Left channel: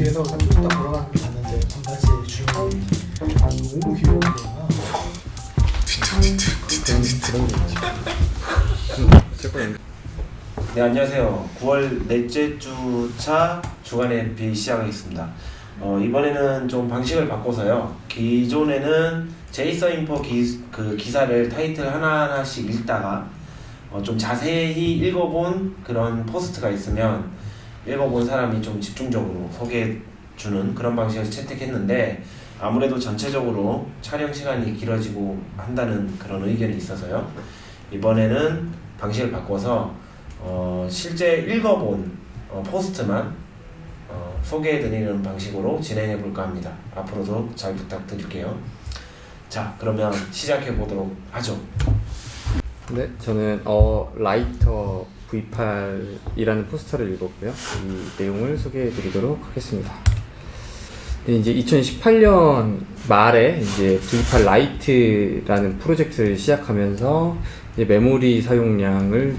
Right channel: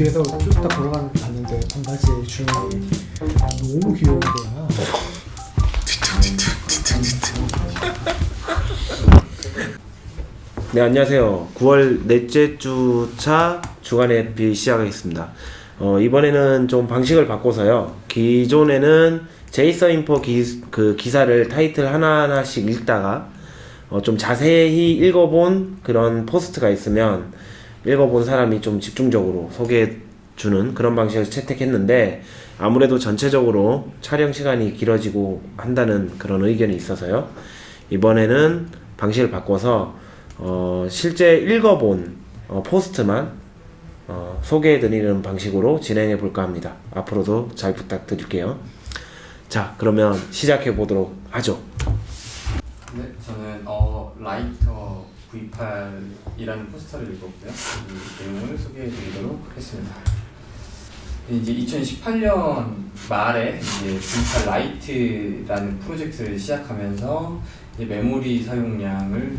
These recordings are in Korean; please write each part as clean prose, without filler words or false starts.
뒤에서 쭉 딱 걸어가는 거 봤는데 반바지 주인이 너무 귀여운 거야. 네, 안녕하세요. 9월 넷째 주차 주간 에피 시작하겠습니다. 이번에는 좀 방식을 바꿔서요. 기존에는 제이서인포 기사를 타이틀 하나하나씩 읽다가 좀 자세히 읽어본 그런 포스트가 있으면 읽어본 사람이 좀 집중적으로 소개해주는 그런 방식을 채택했는데, 아무래도 전체적으로 촬영 시간이 길어지고 한다는 그런 의견이 있어서요. 이번에는 방식을 바꿔서 실제 읽어본 포스트만 소개해드리는 방식으로 진행해볼까 합니다. 앞으로도 잘 부탁드릴게요. 자, 그러면 시작해보도록 하죠. 네, 저는 라이터 V8이라는 포스터를 읽었고요. 이 내용을 소개해드리도록 하겠습니다. 네, 이제 2018년 말에 이제 V8 라이트라는 프로젝트를 시작하면서 이제 메모리 사용량을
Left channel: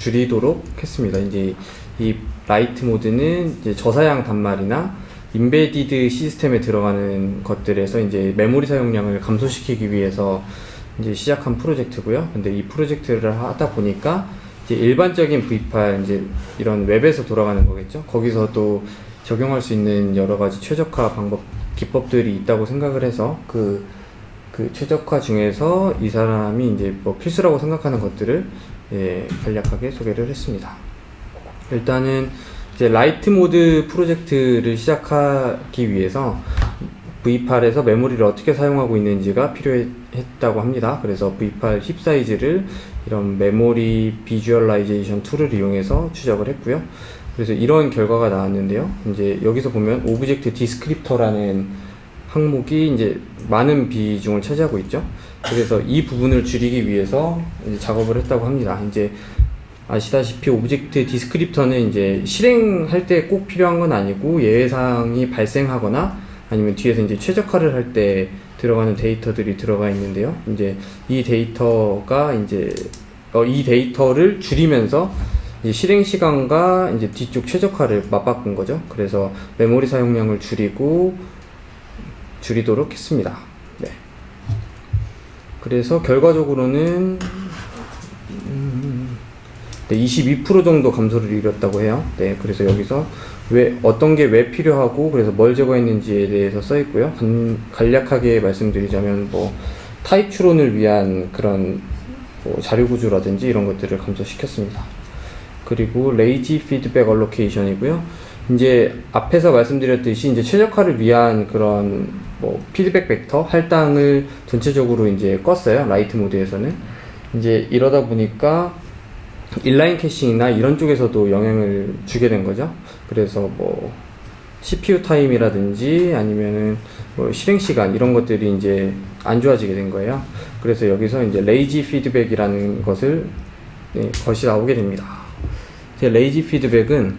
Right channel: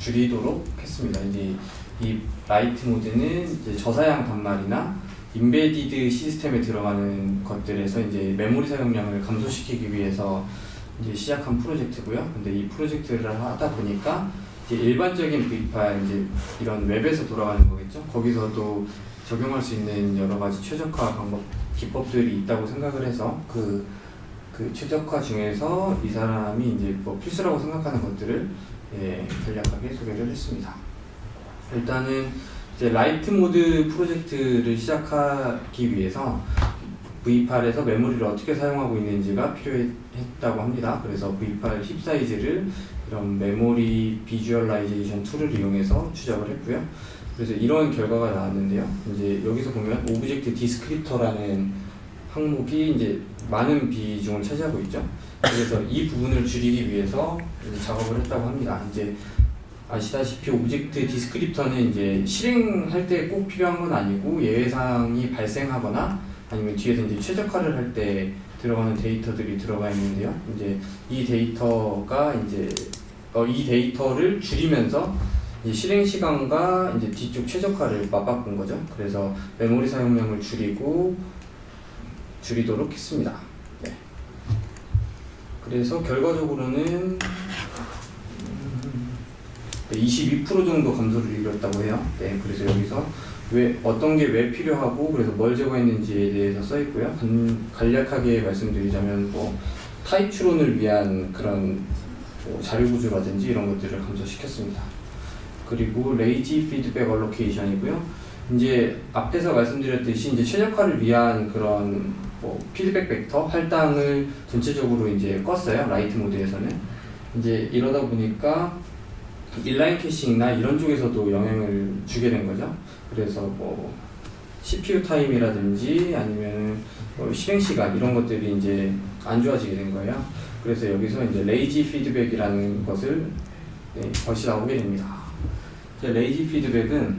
줄이도록 했습니다. 이제 이 라이트 모드는 이제 저사양 단말이나 인베디드 시스템에 들어가는 것들에서 이제 메모리 사용량을 감소시키기 위해서 이제 시작한 프로젝트고요. 근데 이 프로젝트를 하다 보니까 이제 일반적인 V8 이제 이런 웹에서 돌아가는 거겠죠. 거기서도 적용할 수 있는 여러 가지 최적화 기법들이 있다고 생각을 해서 그 최적화 중에서 이 사람이 이제 뭐 필수라고 생각하는 것들을 간략하게 소개를 했습니다. 일단은 이제 라이트 모드 프로젝트를 시작하기 위해서 V8에서 메모리를 어떻게 사용하고 있는지가 필요했다고 합니다. 그래서 V8 힙 사이즈를 이런 메모리 비주얼라이제이션 툴을 이용해서 추적을 했고요. 그래서 이런 결과가 나왔는데요. 이제 여기서 보면 오브젝트 디스크립터라는 항목이 이제 많은 비중을 차지하고 있죠. 그래서 이 부분을 줄이기 위해서 이제 작업을 했다고 합니다. 이제 아시다시피 오브젝트 디스크립터는 이제 실행할 때 꼭 필요한 건 아니고 예외사항이 발생하거나 아니면 뒤에서 이제 최적화를 할 때 들어가는 데이터들이 들어가 있는데요. 이제 이 데이터가 이제 이 데이터를 줄이면서 이제 실행 시간과 이제 뒤쪽 최적화를 맞바꾼 거죠. 그래서 메모리 사용량을 줄이도록 했습니다. 네. 그래서 결과적으로는 22% 정도 감소를 이뤘다고 해요. 네, 그래서 여기서 어떤 게 왜 필요하고 그래서 뭘 제거했는지에 대해서 써 있고요. 간략하게 말씀드리자면 뭐 타입 추론을 위한 그런 뭐 자료 구조라든지 이런 것들을 감소시켰습니다. 그리고 레이지 피드백 얼로케이션이고요. 이제 앞에서 말씀드렸듯이 이제 최적화를 위한 그런 뭐 피드백 벡터 할당을 전체적으로 이제 껐어요. 라이트 모드에서는. 이제 이러다 보니까 인라인 캐싱이나 이런 쪽에서도 영향을 주게 된 거죠. 그래서 뭐 CPU 타임이라든지 아니면 뭐 실행 시간 이런 것들이 이제 안 좋아지게 된 거예요. 그래서 여기서 이제 레이지 피드백이라는 것이 나오게 됩니다. 레이지 피드백은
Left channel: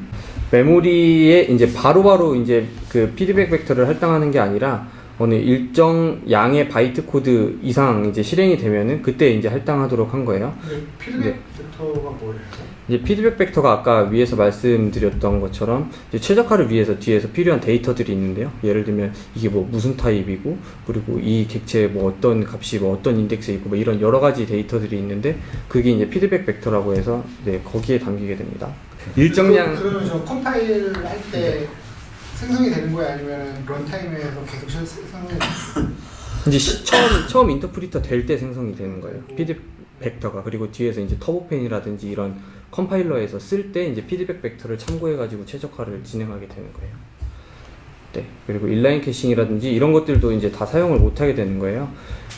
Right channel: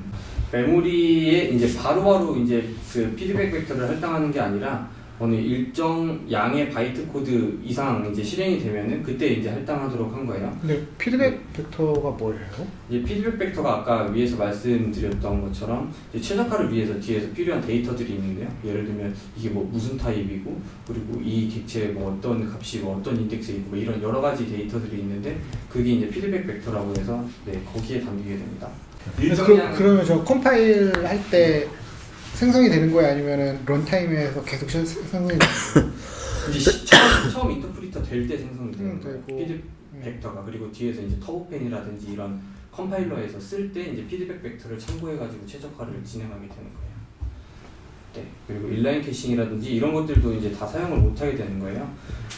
메모리에 이제 바로바로 이제 그 피드백 벡터를 할당하는 게 아니라 어느 일정 양의 바이트 코드 이상 이제 실행이 되면은 그때 이제 할당하도록 한 거예요. 근데 피드백 벡터가 뭐예요? 이제 피드백 벡터가 아까 위에서 말씀드렸던 것처럼 이제 최적화를 위해서 뒤에서 필요한 데이터들이 있는데요. 예를 들면 이게 뭐 무슨 타입이고 그리고 이 객체에 뭐 어떤 값이 뭐 어떤 인덱스에 있고 뭐 이런 여러 가지 데이터들이 있는데 그게 이제 피드백 벡터라고 해서 거기에 담기게 됩니다. 일정량 그러면 저 컴파일 할 때 생성이 되는 거예요? 아니면은 런타임에서 계속 생성이 이제 처음 인터프리터 될 때 생성이 되는 거예요. 피드백 벡터가. 그리고 뒤에서 이제 터보펜이라든지 이런 컴파일러에서 쓸 때 이제 피드백 벡터를 참고해 가지고 최적화를 진행하게 되는 거예요. 네. 그리고 인라인 캐싱이라든지 이런 것들도 이제 다 사용을 못 하게 되는 거예요.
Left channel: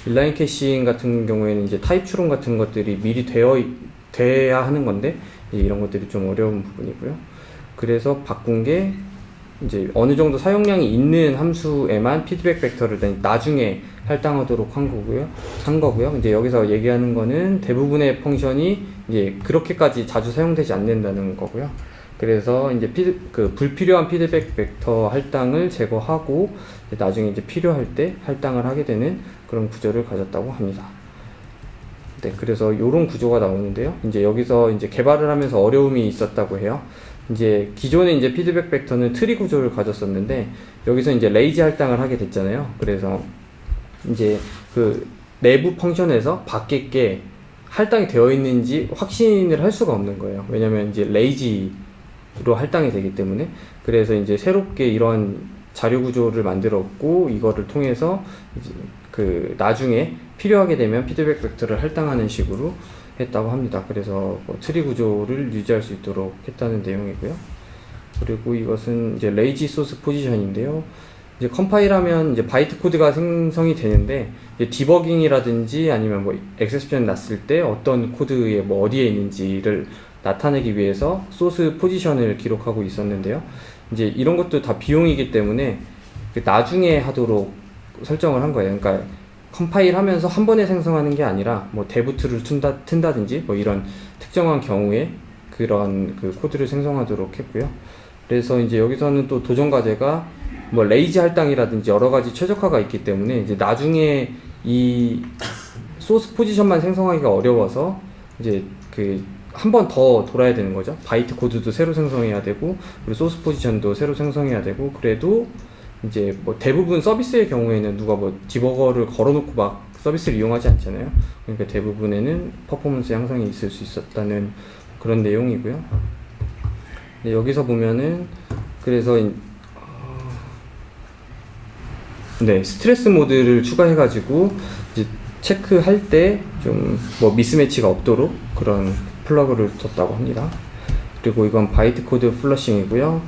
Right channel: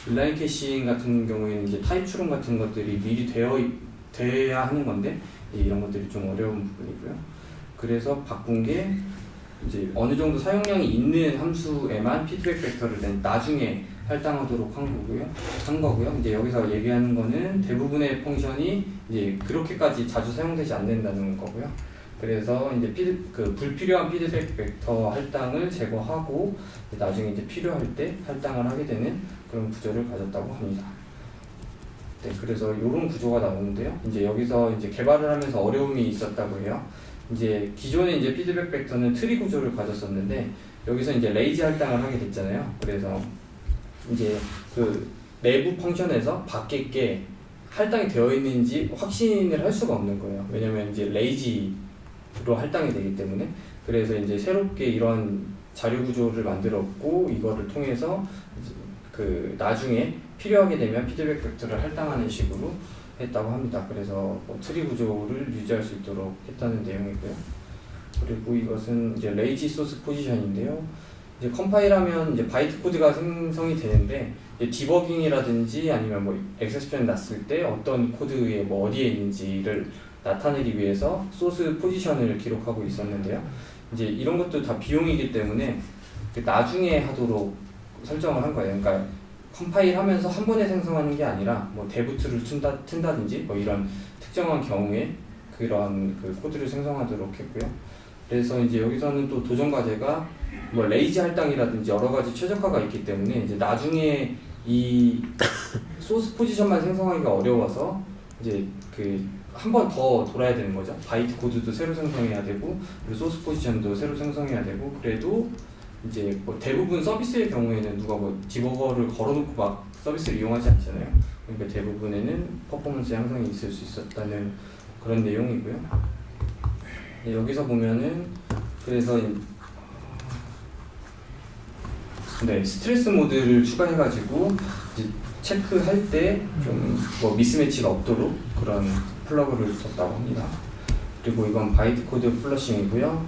인라인 캐싱 같은 경우에는 이제 타입 추론 같은 것들이 미리 돼야 하는 건데 이런 것들이 좀 어려운 부분이고요. 그래서 바꾼 게 이제 어느 정도 사용량이 있는 함수에만 피드백 벡터를 나중에 할당하도록 한 거고요. 이제 여기서 얘기하는 거는 대부분의 펑션이 이제 그렇게까지 자주 사용되지 않는다는 거고요. 그래서 이제 불필요한 피드백 벡터 할당을 제거하고 나중에 이제 필요할 때 할당을 하게 되는 그런 구조를 가졌다고 합니다. 네, 그래서 이런 구조가 나오는데요. 이제 여기서 이제 개발을 하면서 어려움이 있었다고 해요. 이제 기존에 이제 피드백 벡터는 트리 구조를 가졌었는데 여기서 이제 레이지 할당을 하게 됐잖아요. 그래서 이제 그 내부 펑션에서 밖에 게 할당이 되어 있는지 확신을 할 수가 없는 거예요. 왜냐면 이제 레이지로 할당이 되기 때문에. 그래서 이제 새롭게 이런 자료 구조를 만들었고 이거를 통해서 이제 그 나중에 필요하게 되면 피드백 벡터를 할당하는 식으로 했다고 합니다. 그래서 뭐 트리 구조를 유지할 수 있도록 했다는 내용이고요. 그리고 이것은 이제 레이지 소스 포지션인데요. 이제 컴파일하면 이제 바이트 코드가 생성이 되는데 이제 디버깅이라든지 아니면 뭐 엑셉션 났을 때 어떤 코드에 뭐 어디에 있는지를 나타내기 위해서 소스 포지션을 기록하고 있었는데요. 이제 이런 것도 다 비용이기 때문에 그 나중에 하도록 설정을 한 거예요. 그러니까 컴파일하면서 한 번에 생성하는 게 아니라 뭐 데브툴을 튼다든지 뭐 이런 특정한 경우에 그런 그 코드를 생성하도록 했고요. 그래서 이제 여기서는 또 도전 과제가 뭐 레이지 할당이라든지 여러 가지 최적화가 있기 때문에 이제 나중에 이 소스 포지션만 생성하기가 어려워서 이제 그 한 번 더 돌아야 되는 거죠. 바이트 코드도 새로 생성해야 되고 그리고 소스 포지션도 새로 생성해야 되고 그래도 이제 뭐 대부분 서비스의 경우에는 누가 뭐 디버거를 걸어놓고 막 서비스를 이용하지 않잖아요. 그러니까 대부분에는 퍼포먼스 향상이 있을 수 있었다는 그런 내용이고요. 네, 여기서 보면은 그래서 네, 스트레스 모드를 추가해가지고 이제 체크할 때 좀 뭐 미스매치가 없도록 그런 플러그를 뒀다고 합니다. 그리고 이건 바이트 코드 플러싱이고요.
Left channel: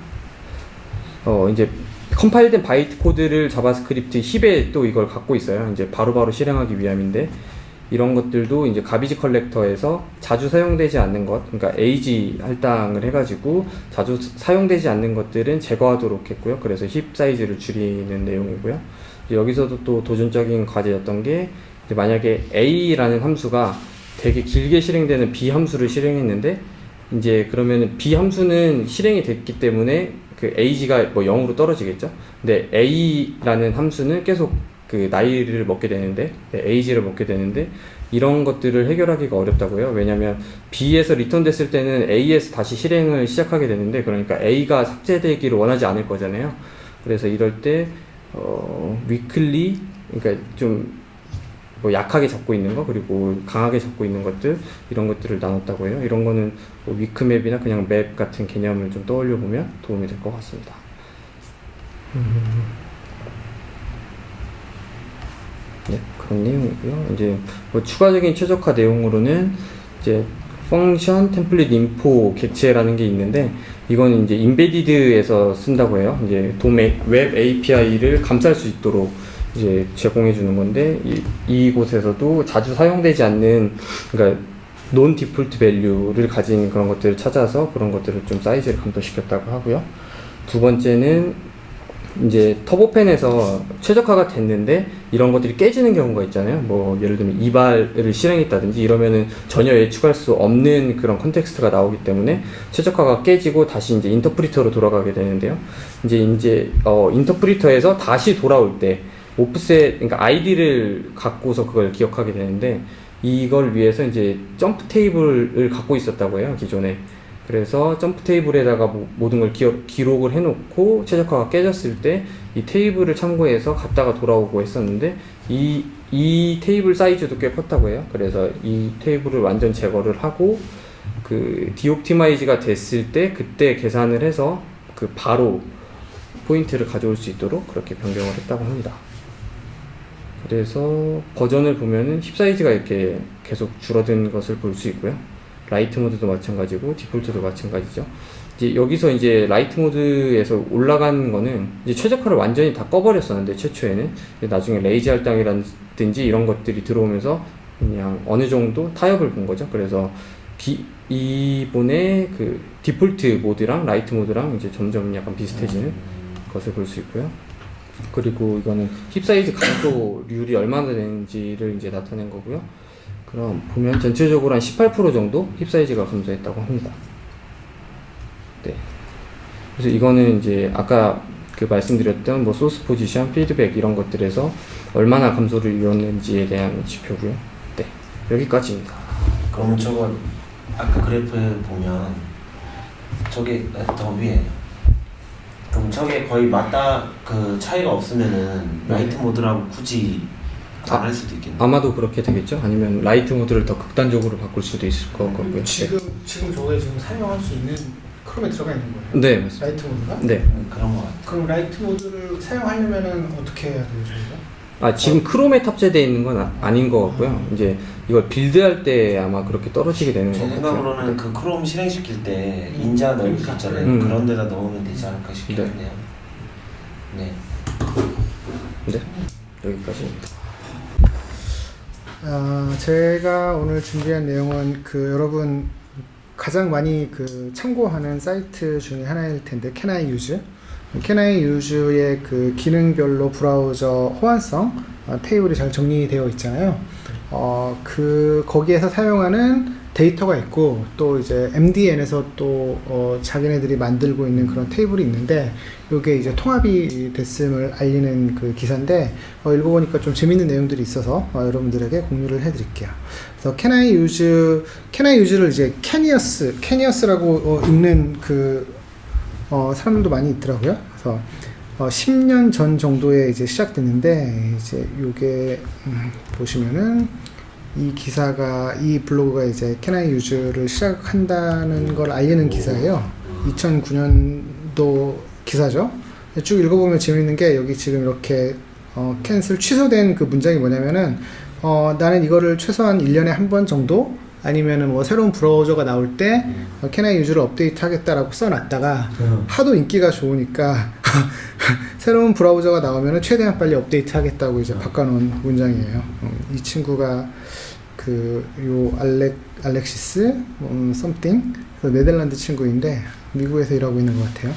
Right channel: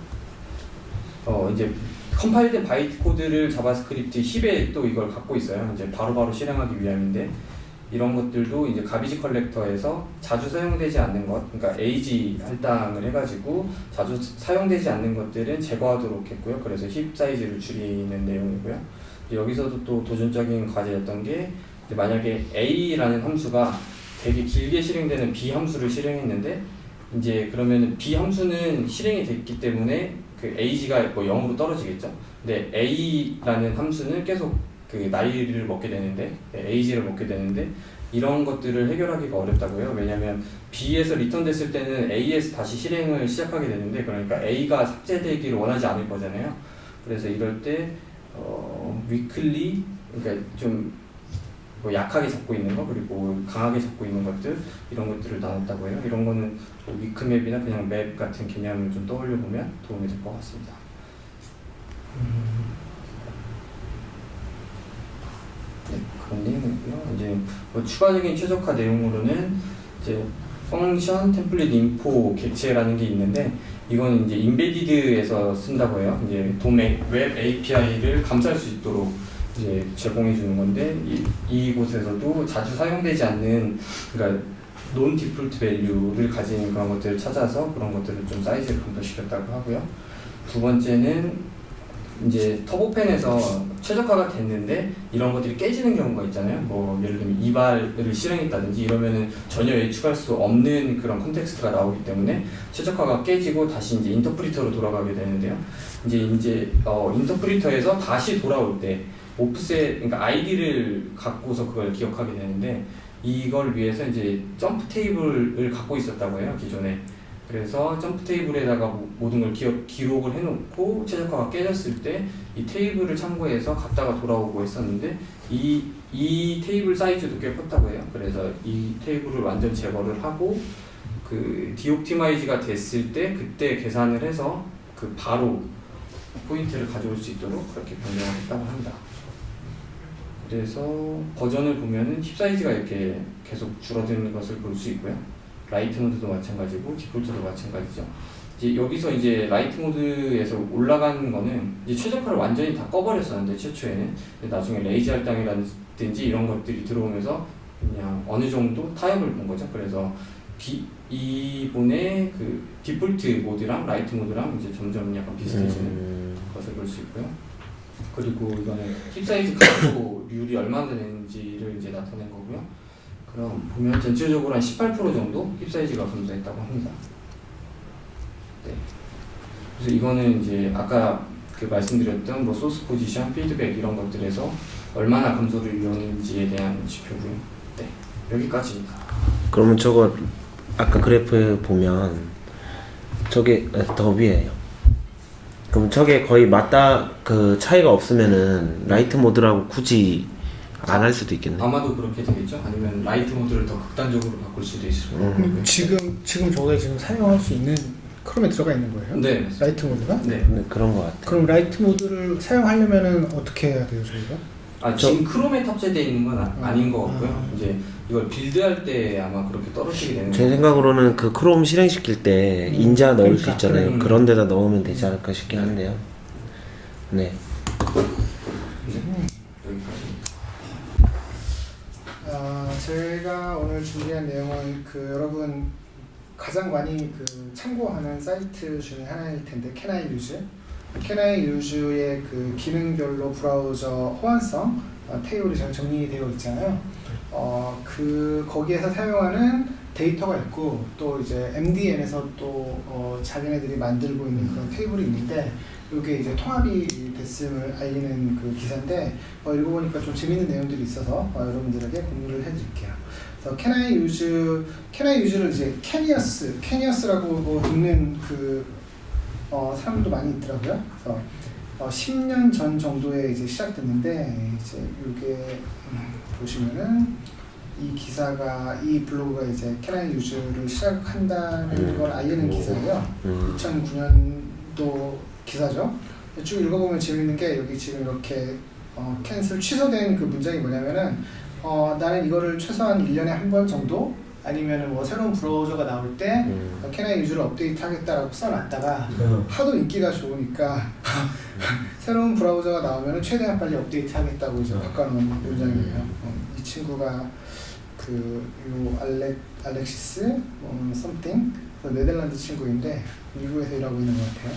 이제 컴파일된 바이트 코드를 자바스크립트 힙에 또 이걸 갖고 있어요. 이제 바로바로 실행하기 위함인데 이런 것들도 이제 가비지 컬렉터에서 자주 사용되지 않는 것, 그러니까 에이지 할당을 해가지고 자주 사용되지 않는 것들은 제거하도록 했고요. 그래서 힙 사이즈를 줄이는 내용이고요. 여기서도 또 도전적인 과제였던 게 이제 만약에 a라는 함수가 되게 길게 실행되는 b 함수를 실행했는데 이제 그러면 b 함수는 실행이 됐기 때문에 그 age가 뭐 0으로 떨어지겠죠. 근데 a라는 함수는 계속 그 나이를 먹게 되는데 age를 먹게 되는데 이런 것들을 해결하기가 어렵다고요. 왜냐면 b에서 리턴 됐을 때는 a에서 다시 실행을 시작하게 되는데 그러니까 a가 삭제되기를 원하지 않을 거잖아요. 그래서 이럴 때 weakly 그러니까 좀 뭐 약하게 잡고 있는 거 그리고 강하게 잡고 있는 것들 이런 것들을 나눴다고 해요. 이런 거는 뭐 위크맵이나 그냥 맵 같은 개념을 좀 떠올려 보면 도움이 될 것 같습니다. 네, 그런 내용이고요. 이제 뭐 추가적인 최적화 내용으로는 이제 펑션 템플릿 인포 객체라는 게 있는데 이건 이제 인베디드에서 쓴다고 해요. 이제 웹 API를 감쌀 수 있도록 이제 제공해 주는 건데 이곳에서도 자주 사용되지 않는 그러니까 논 디폴트 밸류를 가진 그런 것들을 찾아서 그런 것들을 좀 사이즈를 감소시켰다고 하고요. 두 번째는 이제 터보펜에서 최적화가 됐는데 이런 것들이 깨지는 경우가 있잖아요. 뭐 예를 들면 이발을 실행했다든지 이러면은 전혀 예측할 수 없는 그런 컨텍스트가 나오기 때문에 최적화가 깨지고 다시 이제 인터프리터로 돌아가게 되는데요. 이제 인터프리터에서 다시 돌아올 때 오프셋, 그러니까 아이디를 갖고서 그걸 기억하게 되는데 이걸 위해서 이제 점프 테이블을 갖고 있었다고 해요, 기존에. 그래서 점프 테이블에다가 모든 걸 기록을 해놓고 최적화가 깨졌을 때 이 테이블을 참고해서 갔다가 돌아오고 했었는데 이 테이블 사이즈도 꽤 컸다고 해요. 그래서 이 테이블을 완전 제거를 하고 그 디옵티마이즈가 됐을 때 그때 계산을 해서 그 바로 포인트를 가져올 수 있도록 그렇게 변경을 했다고 합니다. 그래서 버전을 보면은 힙 사이즈가 이렇게 계속 줄어든 것을 볼 수 있고요. 라이트 모드도 마찬가지고 디폴트도 마찬가지죠. 이제 여기서 이제 라이트 모드에서 올라간 거는 이제 최적화를 완전히 다 꺼버렸었는데 최초에는 나중에 레이지 할당이라든지 이런 것들이 들어오면서 그냥 어느 정도 타협을 본 거죠. 그래서 이번에 그 디폴트 모드랑 라이트 모드랑 이제 점점 약간 비슷해지는 것을 볼 수 있고요. 그리고 이거는 힙 사이즈 감소률이 얼마나 되는지를 이제 나타낸 거고요. 그럼 보면 전체적으로 한 18% 정도 힙 사이즈가 감소했다고 합니다. 네. 그래서 이거는 이제 아까 그 말씀드렸던 뭐 소스 포지션, 피드백 이런 것들에서 얼마나 감소를 이뤘는지에 대한 지표고요. 네. 여기까지입니다. 그러면 저거 아까 그래프에 보면 저게 더 위에요. 그럼 저게 거의 맞다 그 차이가 없으면은 라이트 모드라고 굳이 안 할 수도 있겠네요. 아마도 그렇게 되겠죠? 아니면 라이트 모드를 더 극단적으로 바꿀 수도 있을 것 같고요. 지금 저게 지금 사용할 수 있는 크롬에 들어가 있는 거예요? 네, 맞습니다. 라이트 모드가? 네. 네, 그런 것 같아요. 그럼 라이트 모드를 사용하려면은 어떻게 해야 돼요, 저희가? 지금 크롬에 탑재되어 있는 건 아닌 것 같고요. 이제 이걸 빌드할 때 아마 그렇게 떨어지게 되는 제 것 생각으로는 그 크롬 실행시킬 때 인자 넣을 수 그러니까, 있잖아요. 그래. 그런 데다 넣으면 되지 않을까 싶긴 네. 한데요. 네. 네, 여기까지입니다. 제가 오늘 준비한 내용은 그 여러분 가장 많이 그 참고하는 사이트 중에 하나일 텐데 Can I Use? Can I Use의 그 기능별로 브라우저 호환성 테이블이 잘 정리되어 있잖아요. 거기에서 사용하는 데이터가 있고 또 이제 MDN에서 또 자기네들이 만들고 있는 그런 테이블이 있는데 이게 이제 통합이 됐음을 알리는 그 기사인데 읽어보니까 좀 재밌는 내용들이 있어서 여러분들에게 공유를 해드릴게요. 그래서 Can I Use를 이제 Canius라고 읽는 그 사람들도 많이 있더라고요. 그래서 10년 전 정도에 이제 시작됐는데 이제 요게 보시면은 이 블로그가 이제 Can I Use를 시작한다는 걸 알리는 기사예요. 2009년도 기사죠. 쭉 읽어보면 재밌는 게 여기 지금 이렇게 캔슬 취소된 그 문장이 뭐냐면은 나는 이거를 최소한 1년에 한 번 정도 아니면은 뭐 새로운 브라우저가 나올 때 Can I Use를 업데이트 하겠다라고 써놨다가 하도 인기가 좋으니까 새로운 브라우저가 나오면은 최대한 빨리 업데이트 하겠다고 이제 바꿔놓은 문장이에요. 이 친구가 요 알렉시스 something 네덜란드 친구인데 미국에서 일하고 있는 것 같아요.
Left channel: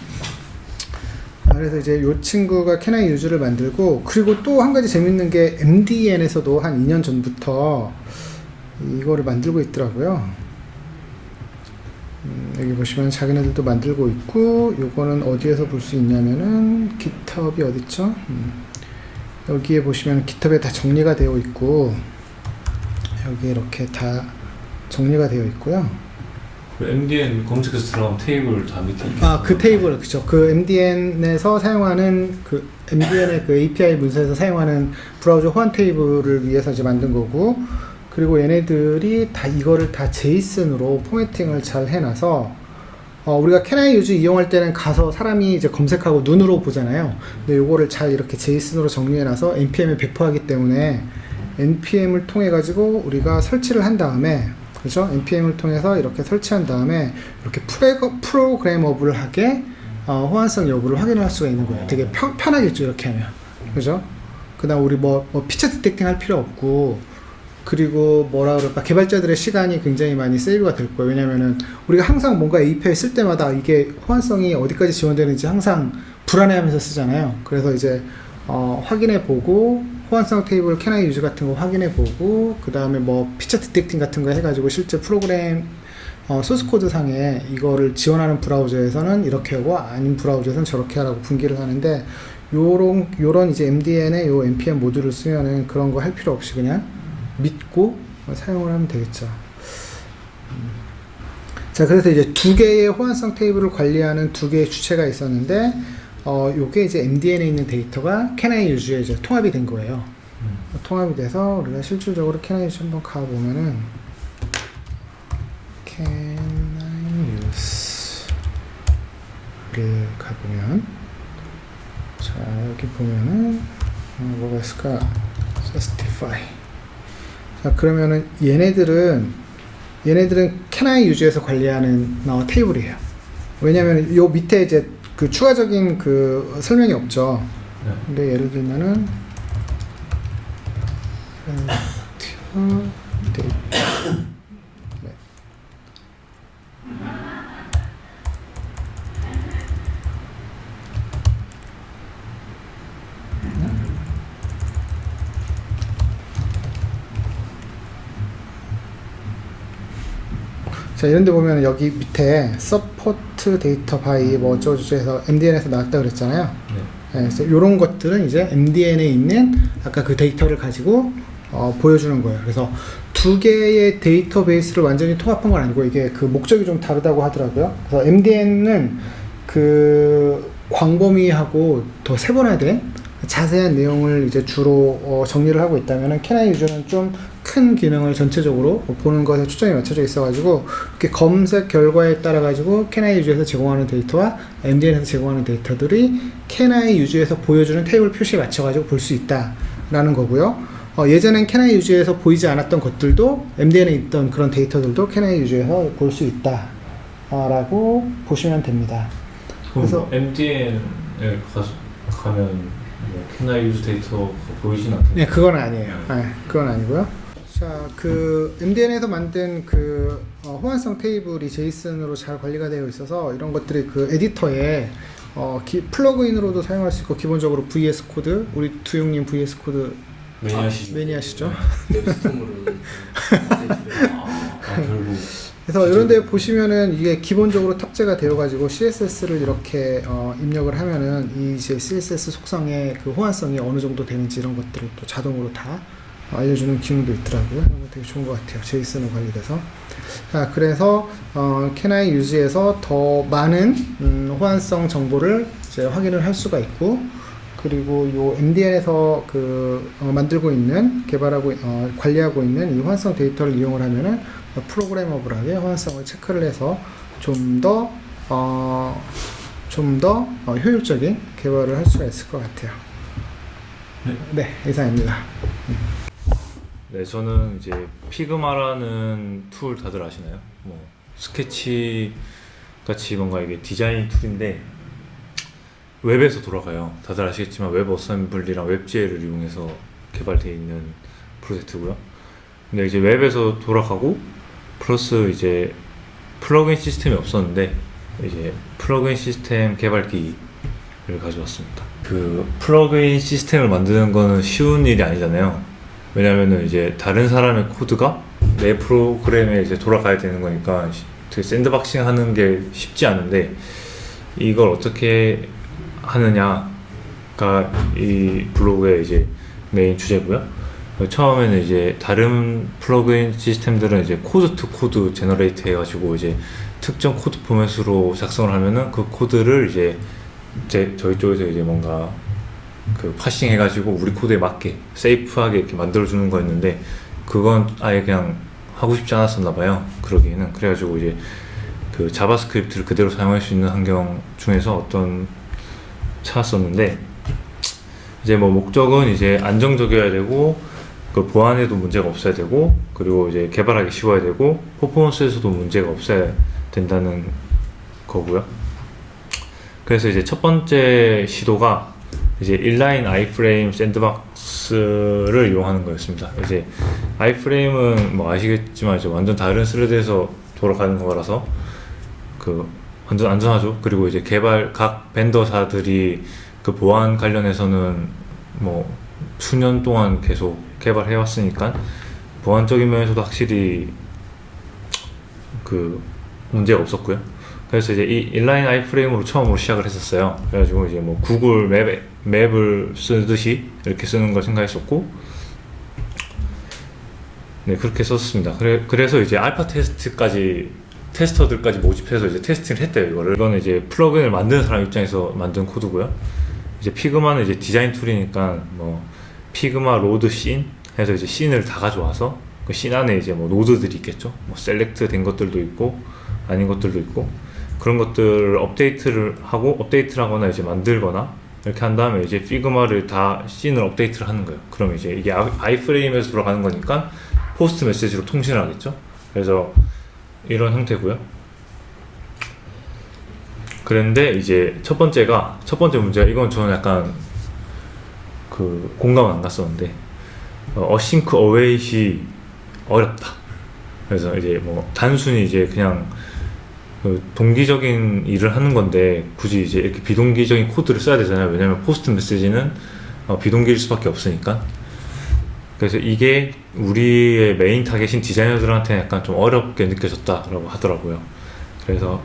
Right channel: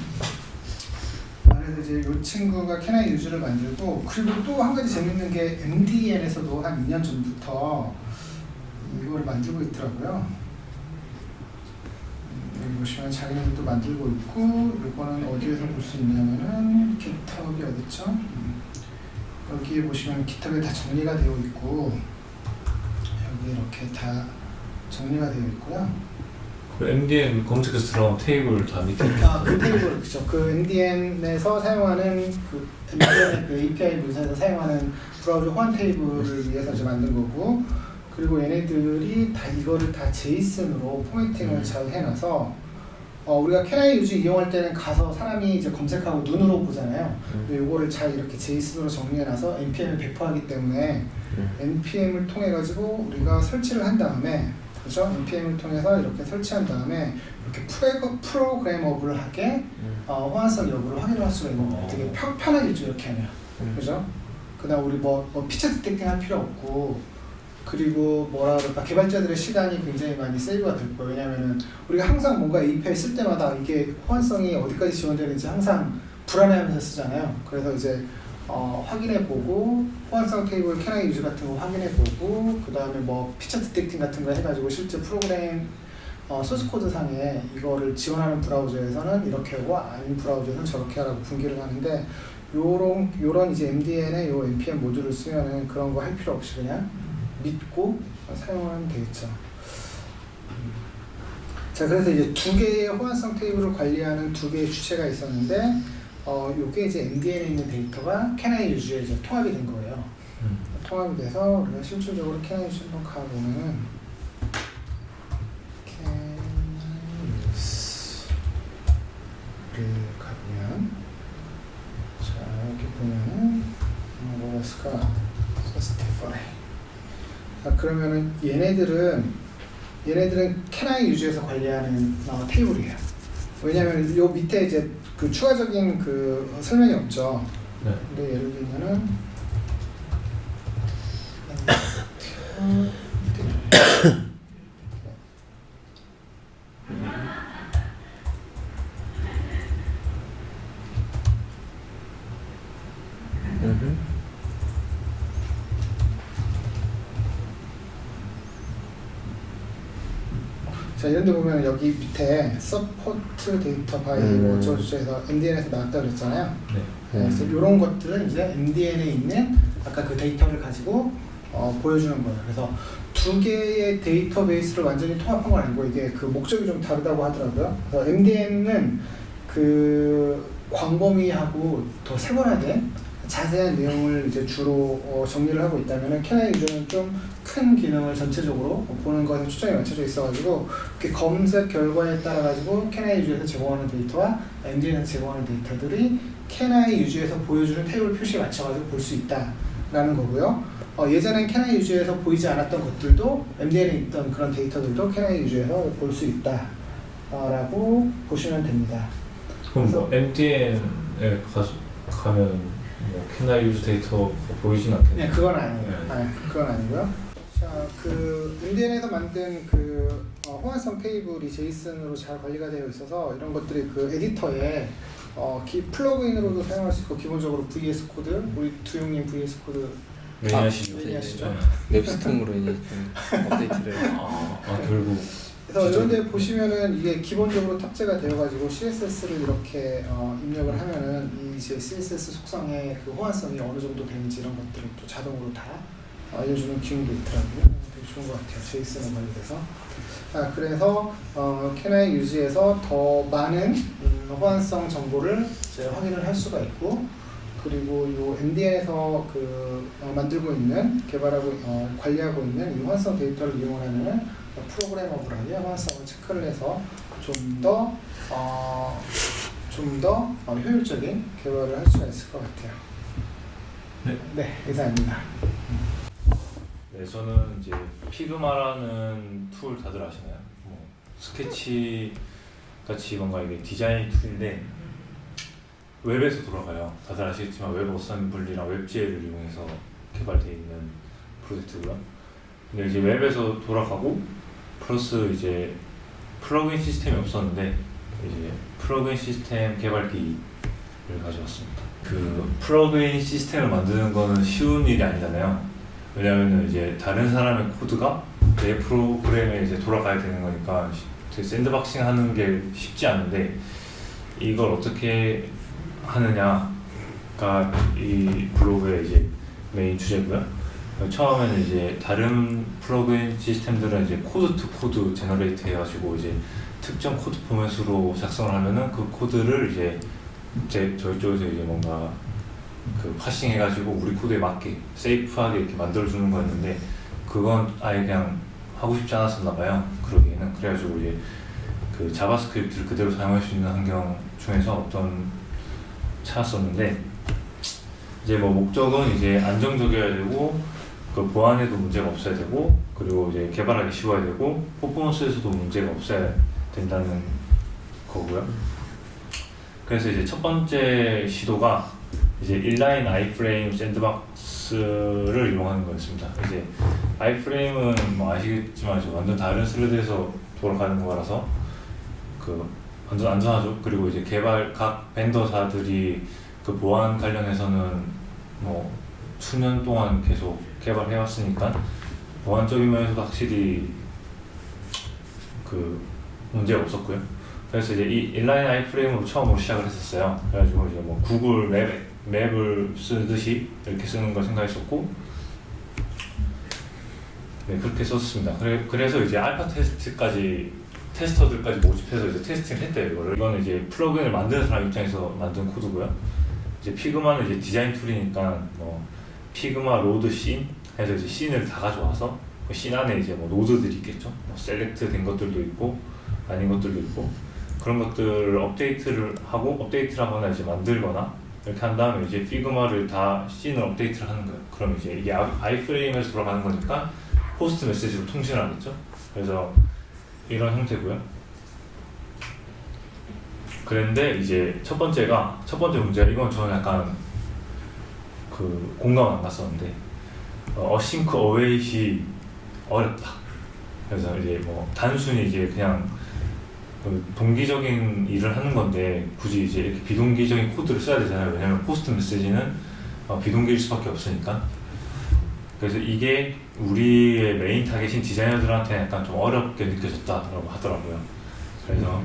그래서 이제 요 친구가 Can I Use를 만들고 그리고 또 한 가지 재밌는 게 MDN에서도 한 2년 전부터 이거를 만들고 있더라고요. 여기 보시면 자기네들도 만들고 있고 요거는 어디에서 볼 수 있냐면은 GitHub이 어딨죠? 여기에 보시면 GitHub에 다 정리가 되어 있고 여기 이렇게 다 정리가 되어 있고요. MDN 검색해서 들어가면 테이블 다 밑에 그 테이블 그죠. 그 MDN에서 사용하는 그 MDN의 그 API 문서에서 사용하는 브라우저 호환 테이블을 위해서 이제 만든 거고 그리고 얘네들이 다 이거를 다 JSON으로 포매팅을 잘 해놔서 우리가 Can I Use 이용할 때는 가서 사람이 이제 검색하고 눈으로 보잖아요. 근데 요거를 잘 이렇게 JSON으로 정리해놔서 npm에 배포하기 때문에 npm을 통해 가지고 우리가 설치를 한 다음에 그렇죠? npm을 통해서 이렇게 설치한 다음에 이렇게 프로그래머블하게 호환성 여부를 확인을 할 수가 있는 거예요. 되게 편하겠죠 이렇게 하면 그죠? 그다음 우리 뭐 피처 디텍팅 할 필요 없고 그리고 뭐라 그럴까 개발자들의 시간이 굉장히 많이 세이브가 될 거예요. 왜냐면은 우리가 항상 뭔가 API 쓸 때마다 이게 호환성이 어디까지 지원되는지 항상 불안해하면서 쓰잖아요. 그래서 이제 확인해보고 호환성 테이블 Can I Use 같은 거 확인해보고 그 다음에 뭐 피처 디텍팅 같은 거 해가지고 실제 프로그램 소스 코드 상에 이거를 지원하는 브라우저에서는 이렇게 하고 아닌 브라우저에서는 저렇게 하라고 분기를 하는데 요런 이제 MDN의 요 npm 모듈을 쓰면은 그런 거 할 필요 없이 그냥 믿고 사용을 하면 되겠죠. 자, 그래서 이제 두 개의 호환성 테이블을 관리하는 두 개의 주체가 있었는데, 요게 이제 MDN에 있는 데이터가 Can I Use에 이제 통합이 된 거예요. 통합이 돼서 우리가 실질적으로 Can I Use 한번 가보면은, Can I Use를 가보면, 자, 여기 보면은, 뭐가 있을까? Justify. 자, 그러면은 얘네들은 Can I Use에서 관리하는 테이블이에요. 왜냐면 요 밑에 이제 그 추가적인 그 설명이 없죠. 네. 근데 예를 들면은 자, 이런데 보면 여기 밑에 서포트 데이터 바이 뭐 어쩌고저쩌고 해서 MDN에서 나왔다 그랬잖아요. 네. 그래서 이런 것들은 이제 MDN에 있는 아까 그 데이터를 가지고 보여주는 거예요. 그래서 두 개의 데이터베이스를 완전히 통합한 건 아니고 이게 그 목적이 좀 다르다고 하더라고요. 그래서 MDN은 그 광범위하고 더 세분화된 자세한 내용을 이제 주로 정리를 하고 있다면은 캐나이 유저는 좀 큰 기능을 전체적으로 보는 것에 초점이 맞춰져 있어가지고 이렇게 검색 결과에 따라 가지고 캐나이 유저에서 제공하는 데이터와 MDN에서 제공하는 데이터들이 캐나이 유저에서 보여주는 테이블 표시에 맞춰가지고 볼 수 있다라는 거고요. 예전엔 캐나이 유저에서 보이지 않았던 것들도 MDN에 있던 그런 데이터들도 캐나이 유저에서 볼 수 있다라고 보시면 됩니다. 그럼 그래서- 뭐 MDN에 가면 뭐 캐나이 유즈 데이터가 보이진 않겠네요. 네, 그건 아니에요. 네, 그건 아니고요. 자, 그 MDN에서 만든 그 호환성 테이블이 제이슨으로 잘 관리가 되어 있어서 이런 것들이 그 에디터에 플러그인으로도 사용할 수 있고 기본적으로 VS 코드, 우리 두용님 VS 코드 매니아시죠? 매니아시죠? 웹스톰으로 이제 좀 업데이트를 결국 그래서 이런 데 보시면은 이게 기본적으로 탑재가 되어가지고 CSS를 이렇게 입력을 하면은 이 이제 CSS 속성의 그 호환성이 어느 정도 되는지 이런 것들을 또 자동으로 다 알려주는 기능도 있더라고요. 이런 거 되게 좋은 것 같아요. 제이슨으로 관리돼서. 그래서 캐나이 유즈에서 더 많은 호환성 정보를 이제 확인을 할 수가 있고, 그리고 요 MDN에서 만들고 있는 개발하고 관리하고 있는 이 호환성 데이터를 이용을 하면은 프로그래머블하게 호환성을 체크를 해서 좀 더 효율적인 개발을 할 수가 있을 것 같아요. 네, 이상입니다. 네, 저는 이제 피그마라는 툴 다들 아시나요? 뭐 스케치 같이 뭔가 이게 디자인 툴인데 웹에서 돌아가요. 다들 아시겠지만 웹 어셈블리랑 웹GL을 이용해서 개발되어 있는 프로젝트고요. 근데 이제 웹에서 돌아가고 플러스 이제 플러그인 시스템이 없었는데 이제 플러그인 시스템 개발기를 가져왔습니다. 그 플러그인 시스템을 만드는 거는 쉬운 일이 아니잖아요. 왜냐면은 이제 다른 사람의 코드가 내 프로그램에 이제 돌아가야 되는 거니까 되게 샌드박싱 하는 게 쉽지 않은데 이걸 어떻게 하느냐가 이 블로그의 이제 메인 주제고요. 처음에는 이제 다른 플러그인 시스템들은 이제 코드 투 코드 제너레이트 해가지고 이제 특정 코드 포맷으로 작성을 하면은 그 코드를 이제 저희 쪽에서 이제 뭔가 그 파싱 해가지고 우리 코드에 맞게 세이프하게 이렇게 만들어주는 거였는데 그건 아예 그냥 하고 싶지 않았었나 봐요. 그러기에는. 그래가지고 이제 그 자바스크립트를 그대로 사용할 수 있는 환경 중에서 어떤 찾았었는데 이제 뭐 목적은 이제 안정적이어야 되고 그 보안에도 문제가 없어야 되고 그리고 이제 개발하기 쉬워야 되고 퍼포먼스에서도 문제가 없어야 된다는 거고요. 그래서 이제 첫 번째 시도가 이제 인라인 아이프레임 샌드박스를 이용하는 거였습니다. 이제 아이프레임은 뭐 아시겠지만 이제 완전 다른 스레드에서 돌아가는 거라서 그 완전 안전하죠. 그리고 이제 각 벤더사들이 그 보안 관련해서는 뭐 수년 동안 계속 개발해 왔으니까 보안적인 면에서도 확실히 그 문제가 없었고요. 그래서 이제 이 인라인 아이프레임으로 처음으로 시작을 했었어요. 그래가지고 이제 뭐 구글 맵을 쓰듯이 이렇게 쓰는 걸 생각했었고, 네 그렇게 썼습니다. 그래서 이제 알파 테스터들까지 모집해서 이제 테스팅을 했대요. 이거는 이제 플러그인을 만드는 사람 입장에서 만든 코드고요. 이제 피그마는 이제 디자인 툴이니까 뭐 피그마 로드 씬 해서 이제 씬을 다 가져와서 그 씬 안에 이제 뭐 노드들이 있겠죠. 뭐 셀렉트 된 것들도 있고 아닌 것들도 있고. 그런 것들을 업데이트를 하거나 이제 만들거나 이렇게 한 다음에 이제 피그마를 다 씬을 업데이트를 하는 거예요. 그럼 이제 이게 아이프레임에서 돌아가는 거니까 포스트 메시지로 통신을 하겠죠. 그래서 이런 형태고요. 그런데 이제 첫 번째 문제가 이건 저는 약간 그 공감 안 갔었는데 어싱크 어웨이시 어렵다. 그래서 이제 뭐 단순히 이제 그냥 그 동기적인 일을 하는 건데 굳이 이제 이렇게 비동기적인 코드를 써야 되잖아요. 왜냐면 포스트 메시지는 비동기일 수밖에 없으니까. 그래서 이게 우리의 메인 타겟인 디자이너들한테는 약간 좀 어렵게 느껴졌다라고 하더라고요. 그래서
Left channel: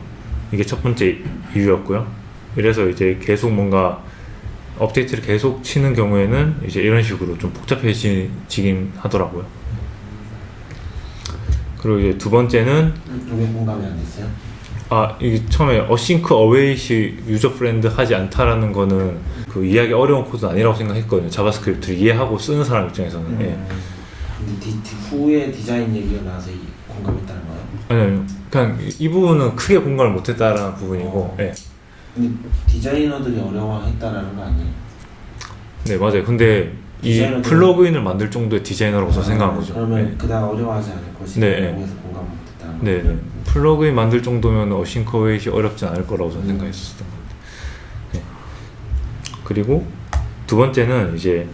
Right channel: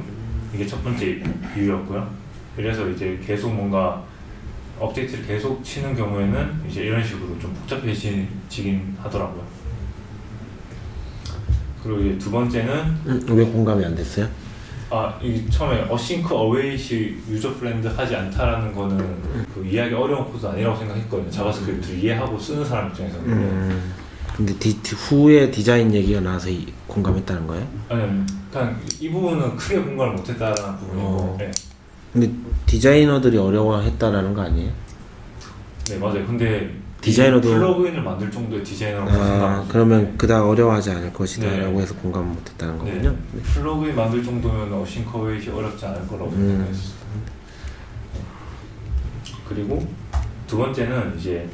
이게 첫 번째 이유였고요. 그래서 이제 계속 뭔가 업데이트를 계속 치는 경우에는 이제 이런 식으로 좀 복잡해지긴 하더라고요. 그리고 이제 두 번째는 왜 공감이 안 됐어요? 이게 처음에 어싱크 어웨이시 유저 프렌드 하지 않다라는 거는 그 이해하기 어려운 코드는 아니라고 생각했거든요. 자바스크립트를 이해하고 쓰는 사람 입장에서는. 근데 후에 디자인 얘기가 나와서 공감했다는 거예요? 아니요, 그냥 이 부분은 크게 공감을 못했다라는 부분이고. 예. 근데 디자이너들이 어려워했다라는 거 아니에요? 네, 맞아요. 근데 이 디자이너도- 플러그인을 만들 정도의 디자이너로서 생각하죠. 그러면 그다음 어려워하지 않을 것이다 네. 라고 해서 공감을 못했다는 네, 거군요. 플러그인 만들 정도면 어싱크 어웨이시 어렵지 않을 거라고 저는 생각했었어요. 네. 그리고 두 번째는 이제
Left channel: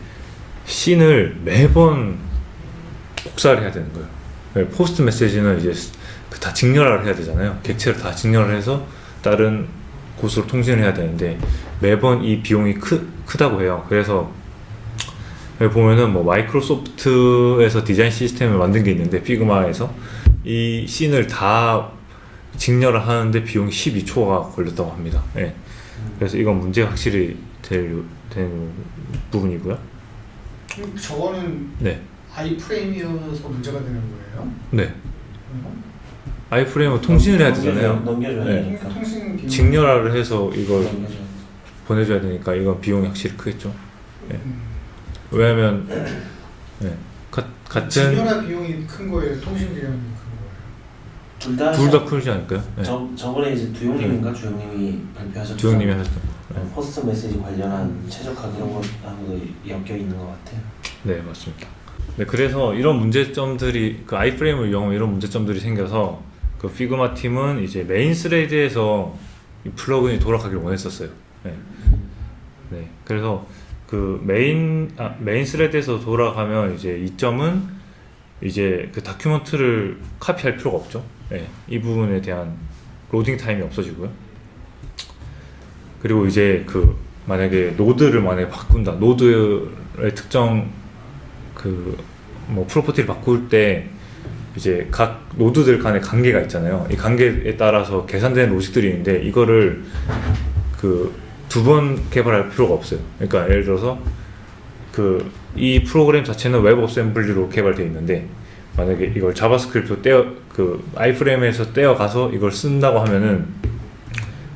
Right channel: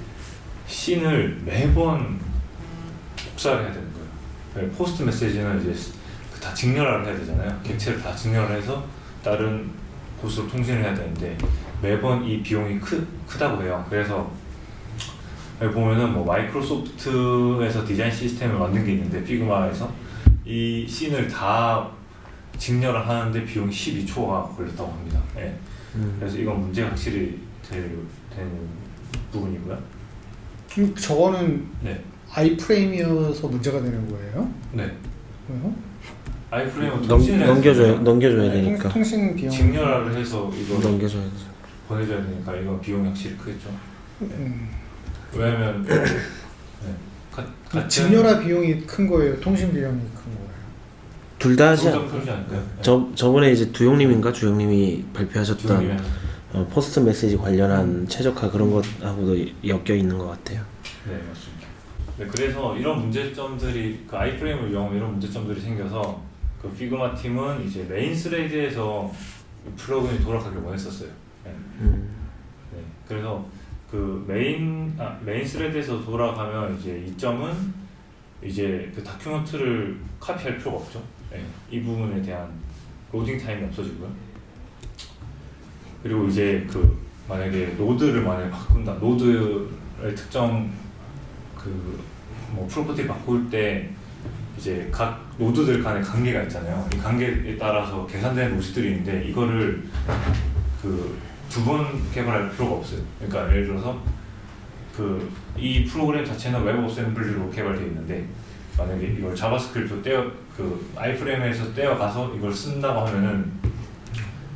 씬을 매번 복사를 해야 되는 거예요. 네, 포스트 메시지는 이제 다 직렬화를 해야 되잖아요. 객체를 다 직렬을 해서 다른 곳으로 통신을 해야 되는데 매번 이 비용이 크다고 해요. 그래서 여기 보면은 뭐 마이크로소프트에서 디자인 시스템을 만든 게 있는데 피그마에서 이 씬을 다 직렬을 하는데 비용이 12초가 걸렸다고 합니다. 네. 그래서 이건 문제가 확실히 되는 부분이고요. 저거는 네. 아이프레임이어서 문제가 되는 거예요? 네. 그래요? 아이프레임은 통신을 해야 되잖아요. 넘겨줘야 네. 되니까. 통신 비용 직렬화를 해서 이걸 넘겨줘야지. 보내줘야 되니까 이건 비용이 확실히 크겠죠. 음. 왜냐하면 네. 같은 직렬화 비용이 큰 거예요? 통신 비용이 큰 거예요? 둘 다 둘 다 크지 않을까요? 네. 저번에 이제 두용님인가 주용님이 발표하셨던 주영님이 하셨던 포스트 메시지 관련한 최적화 그런 것하고도 엮여 있는 것 같아요. 네, 맞습니다. 네, 그래서 이런 문제점들이 그 아이프레임을 이용한 이런 문제점들이 생겨서 그 피그마 팀은 이제 메인 스레드에서 이 플러그인이 돌아가기를 원했었어요. 네. 네, 그래서 그 메인 스레드에서 돌아가면 이제 이점은 이제 그 다큐멘트를 카피할 필요가 없죠. 네, 이 부분에 대한 로딩 타임이 없어지고요. 그리고 이제 그 만약에 노드를 바꾼다, 노드의 특정 그 뭐 프로퍼티를 바꿀 때 이제 각 노드들 간의 관계가 있잖아요. 이 관계에 따라서 계산되는 로직들이 있는데 이거를 그 두 번 개발할 필요가 없어요. 그러니까 예를 들어서 그 이 프로그램 자체는 웹 어셈블리로 개발되어 있는데 만약에 이걸 자바스크립트 그 아이프레임에서 떼어가서 이걸 쓴다고 하면은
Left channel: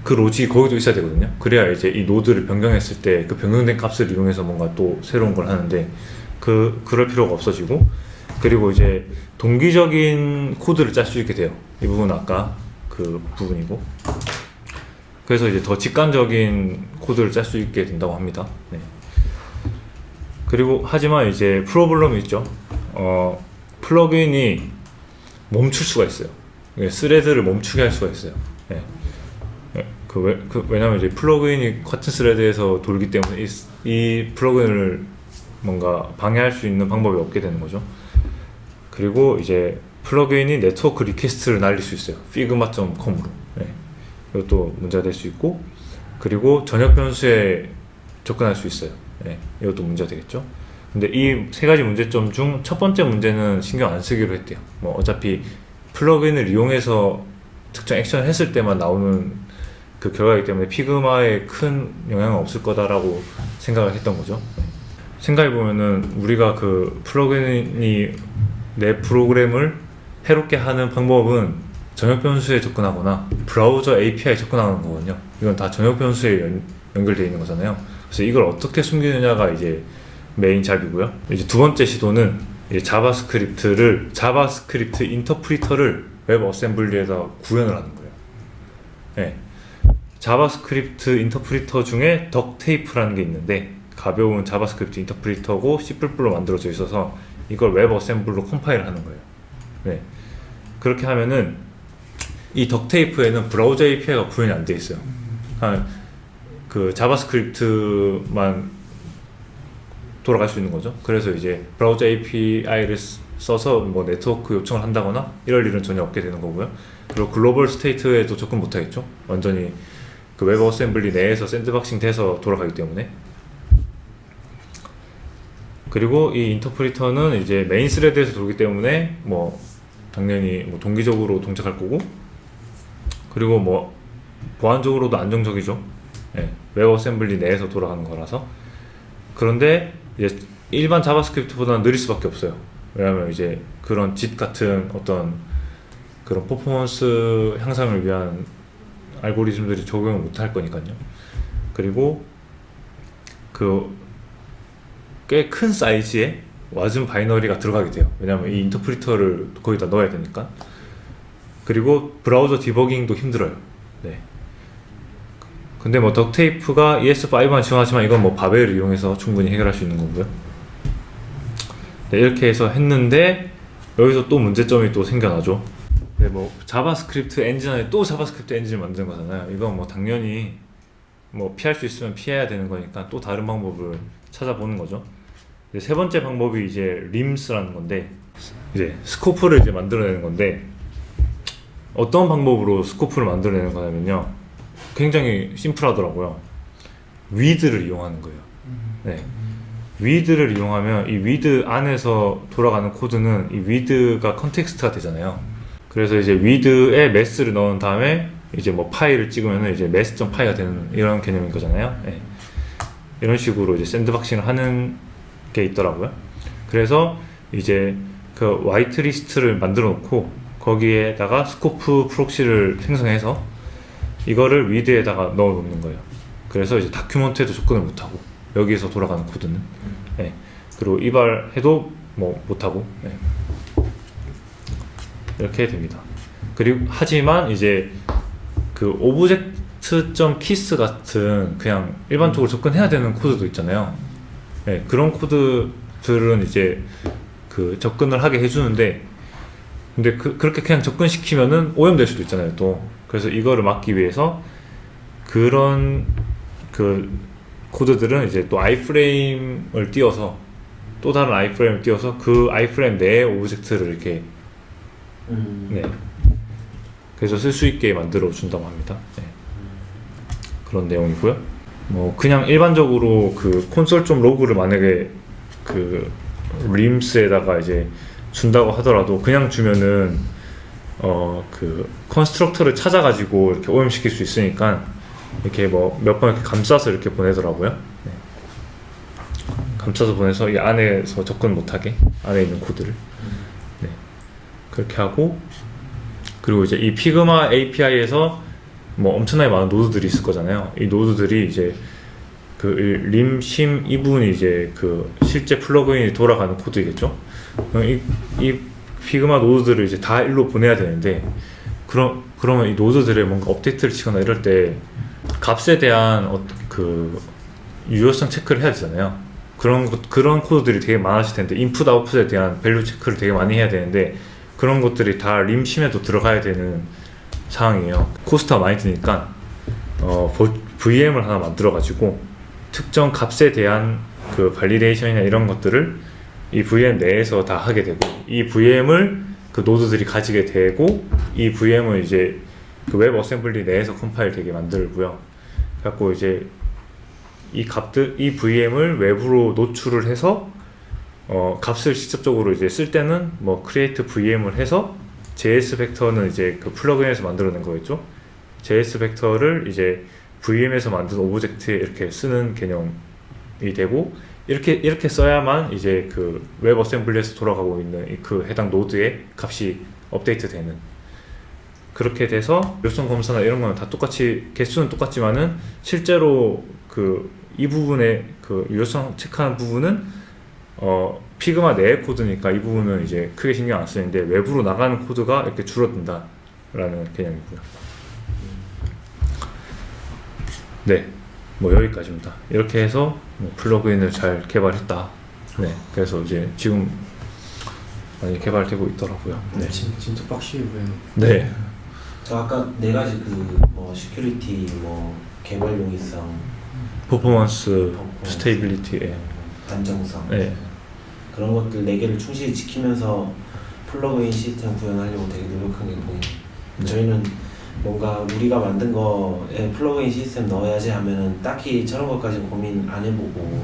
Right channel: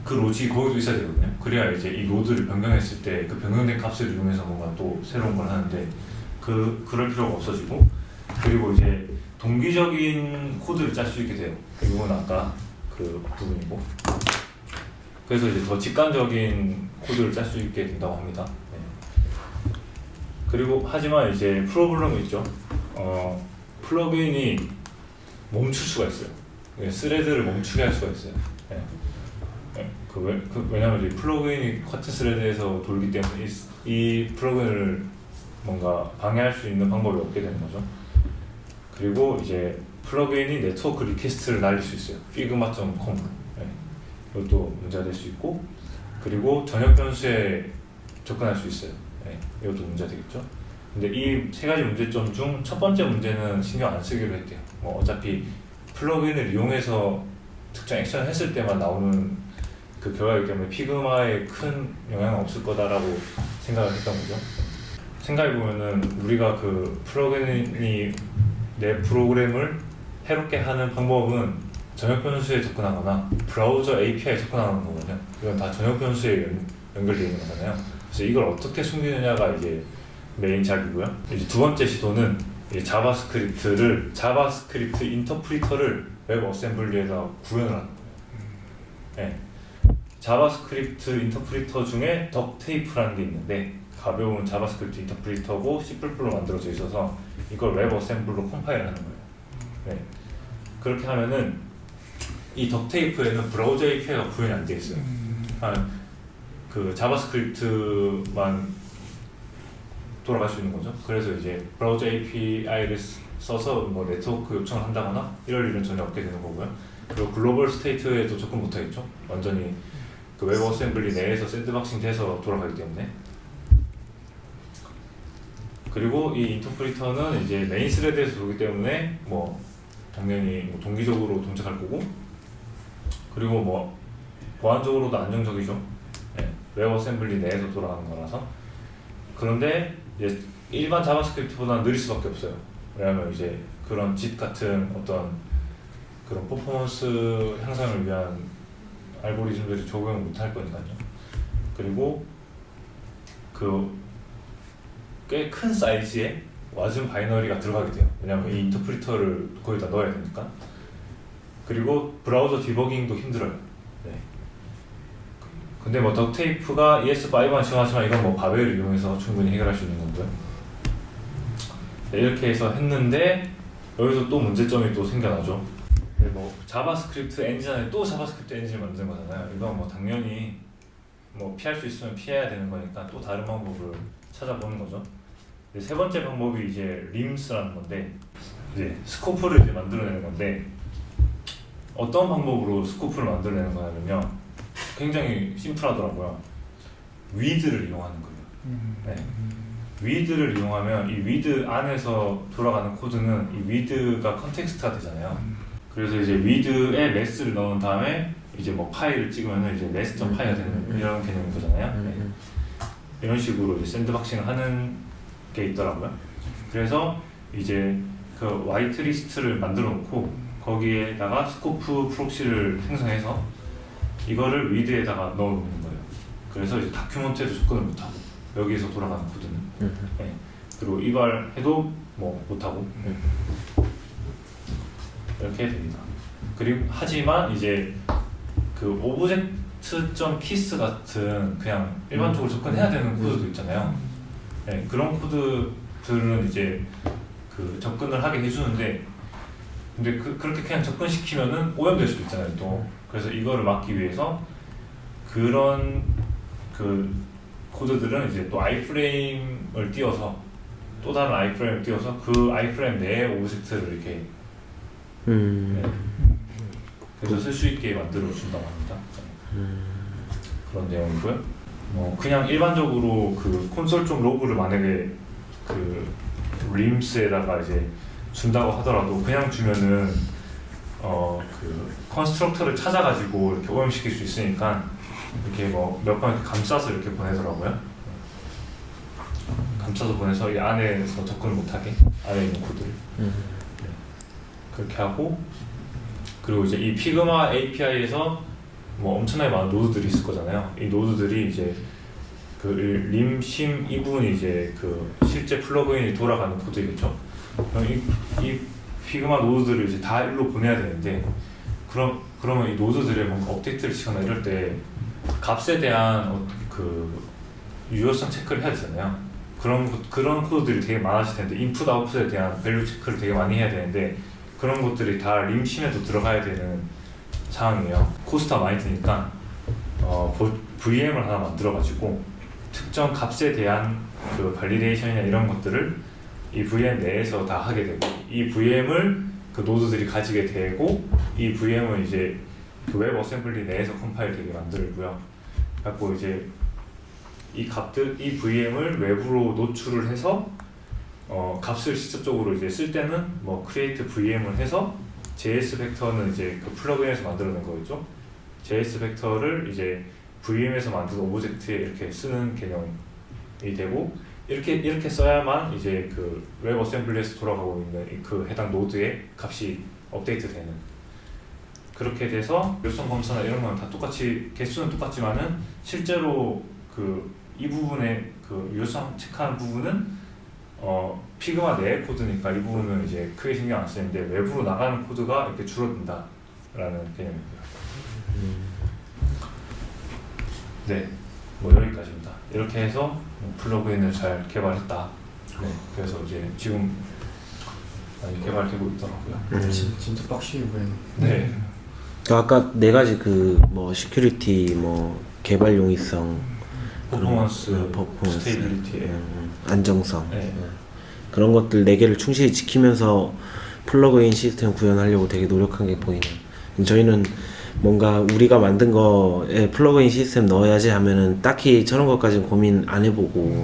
그 로직이 거기도 있어야 되거든요. 그래야 이제 이 노드를 변경했을 때 그 변경된 값을 이용해서 뭔가 또 새로운 걸 하는데 그럴 필요가 없어지고, 그리고 이제 동기적인 코드를 짤 수 있게 돼요. 이 부분은 아까 그 부분이고, 그래서 이제 더 직관적인 코드를 짤 수 있게 된다고 합니다. 네. 그리고 하지만 이제 프로블럼이 있죠. 플러그인이 멈출 수가 있어요. 스레드를 멈추게 할 수가 있어요. 네. 왜냐면 이제 플러그인이 같은 스레드에서 돌기 때문에 이 플러그인을 뭔가 방해할 수 있는 방법이 없게 되는 거죠. 그리고 이제 플러그인이 네트워크 리퀘스트를 날릴 수 있어요. figma.com으로. 네. 이것도 문제가 될 수 있고, 그리고 전역 변수에 접근할 수 있어요. 네. 이것도 문제가 되겠죠. 근데 이 세 가지 문제점 중 첫 번째 문제는 신경 안 쓰기로 했대요. 뭐 어차피 플러그인을 이용해서 특정 액션을 했을 때만 나오는 그 결과이기 때문에 피그마에 큰 영향은 없을 거다라고 생각을 했던 거죠. 생각해보면은 우리가 그 플러그인이 내 프로그램을 해롭게 하는 방법은 전역 변수에 접근하거나 브라우저 API에 접근하는 거거든요. 이건 다 전역 변수에 연결되어 있는 거잖아요. 그래서 이걸 어떻게 숨기느냐가 이제 메인 작이고요. 이제 두 번째 시도는 이제 자바스크립트 인터프리터를 웹 어셈블리에다 구현을 하는 거예요. 네. 자바스크립트 인터프리터 중에 덕테이프라는 게 있는데 가벼운 자바스크립트 인터프리터고 C++로 만들어져 있어서 이걸 웹 어셈블로 컴파일을 하는 거예요. 네. 그렇게 하면은 이 덕테이프에는 브라우저 API가 구현이 안 돼 있어요. 그 자바스크립트만 돌아갈 수 있는 거죠. 그래서 이제 브라우저 API를 써서 뭐 네트워크 요청을 한다거나 이럴 일은 전혀 없게 되는 거고요. 그리고 글로벌 스테이트에도 접근 못 하겠죠. 완전히 그 웹 어셈블리 내에서 샌드박싱 돼서 돌아가기 때문에. 그리고 이 인터프리터는 이제 메인 스레드에서 돌기 때문에 뭐 당연히 뭐 동기적으로 동작할 거고, 그리고 뭐 보안적으로도 안정적이죠. 네. 웹 어셈블리 내에서 돌아가는 거라서. 그런데 이제 일반 자바스크립트보다는 느릴 수밖에 없어요. 왜냐하면 이제 그런 JIT 같은 어떤 그런 퍼포먼스 향상을 위한 알고리즘들이 적용을 못할 거니까요. 그리고 그 꽤 큰 사이즈의 와즘 바이너리가 들어가게 돼요. 왜냐하면 이 인터프리터를 거기다 넣어야 되니까. 그리고 브라우저 디버깅도 힘들어요. 네. 근데 뭐 덕테이프가 ES5만 지원하지만 이건 뭐 바벨을 이용해서 충분히 해결할 수 있는 거고요. 네, 이렇게 해서 했는데 여기서 또 문제점이 또 생겨나죠. 네, 뭐 자바스크립트 엔진 안에 또 자바스크립트 엔진을 만든 거잖아요. 이건 뭐 당연히 뭐 피할 수 있으면 피해야 되는 거니까 또 다른 방법을 찾아보는 거죠. 이제 세 번째 방법이 이제 림스라는 건데, 이제 스코프를 이제 만들어내는 건데, 어떤 방법으로 스코프를 만들어내는 거냐면요, 굉장히 심플하더라고요. 위드를 이용하는 거예요. 네. 위드를 이용하면 이 위드 안에서 돌아가는 코드는 이 위드가 컨텍스트가 되잖아요. 그래서 이제 위드에 매스를 넣은 다음에 이제 뭐 파일을 찍으면 이제 매스.파이가 되는 이런 개념인 거잖아요. 네. 이런 식으로 이제 샌드박싱을 하는 게 있더라고요. 그래서 이제 그 화이트리스트를 만들어 놓고 거기에다가 스코프 프록시를 생성해서 이거를 위드에다가 넣어 놓는 거예요. 그래서 이제 다큐먼트에도 접근을 못하고 여기에서 돌아가는 코드는 네. 그리고 이발해도 뭐 못하고 네. 이렇게 됩니다. 그리고 하지만 이제 그 오브젝트.키스 같은 그냥 일반적으로 접근해야 되는 코드도 있잖아요. 네, 그런 코드들은 이제 그 접근을 하게 해주는데, 근데 그렇게 그냥 접근시키면은 오염될 수도 있잖아요 또. 그래서 이거를 막기 위해서 그런 그 코드들은 이제 또 아이프레임을 띄워서, 또 다른 아이프레임을 띄워서 그 아이프레임 내에 오브젝트를 이렇게 네. 그래서 쓸 수 있게 만들어 준다고 합니다. 네. 그런 내용이고요. 뭐 그냥 일반적으로 그 콘솔 좀 로그를 만약에 그 림스에다가 이제 준다고 하더라도 그냥 주면은 그 컨스트럭터를 찾아가지고 이렇게 오염시킬 수 있으니까 이렇게 뭐 몇 번 이렇게 감싸서 이렇게 보내더라고요. 네. 감싸서 보내서 이 안에서 접근 못하게 안에 있는 코드를 네. 그렇게 하고, 그리고 이제 이 피그마 API에서 뭐 엄청나게 많은 노드들이 있을 거잖아요. 이 노드들이 이제 그 림심 이 부분이 이제 그 실제 플러그인이 돌아가는 코드이겠죠. 이 피그마 노드들을 이제 다 일로 보내야 되는데, 그러면 이 노드들에 뭔가 업데이트를 치거나 이럴 때 값에 대한 그 유효성 체크를 해야 되잖아요. 그런 코드들이 되게 많아질 텐데, 인풋 아웃풋에 대한 밸류 체크를 되게 많이 해야 되는데, 그런 것들이 다 림심에도 들어가야 되는 상황이에요. 코스트가 많이 드니까 VM을 하나 만들어 가지고 특정 값에 대한 그 발리데이션이나 이런 것들을 이 VM 내에서 다 하게 되고, 이 VM을 그 노드들이 가지게 되고, 이 VM을 이제 그 웹 어셈블리 내에서 컴파일 되게 만들고요. 그래갖고 이제 이 VM을 외부로 노출을 해서 값을 직접적으로 이제 쓸 때는 뭐 create VM을 해서 JS 벡터는 이제 그 플러그인에서 만들어낸 거겠죠. JS 벡터를 이제 VM에서 만든 오브젝트에 이렇게 쓰는 개념이 되고, 이렇게 써야만 이제 그 웹 어셈블리에서 돌아가고 있는 그 해당 노드의 값이 업데이트 되는, 그렇게 돼서 유효성 검사나 이런 거는 다 똑같이 개수는 똑같지만은 실제로 그 이 부분의 그 유효성 체크하는 부분은 피그마 내의 코드니까 이 부분은 이제 크게 신경 안 쓰는데, 외부로 나가는 코드가 이렇게 줄어든다 라는 개념이고요. 네, 뭐 여기까지입니다. 이렇게 해서 뭐 플러그인을 잘 개발했다. 네, 그래서 이제 지금 많이 개발되고 있더라고요. 네. 진짜 빡시게 보이는. 네. 아까 네 가지 그 뭐 시큐리티, 뭐 개발 용이성, 퍼포먼스, 스테이빌리티, 안정성, 네. 그런 것들 4개를 충실히 지키면서 플러그인 시스템 구현하려고 되게 노력한 게 보이네요. 저희는 뭔가 우리가 만든 거에 플러그인 시스템 넣어야지 하면은 딱히 저런 것까지 고민 안 해보고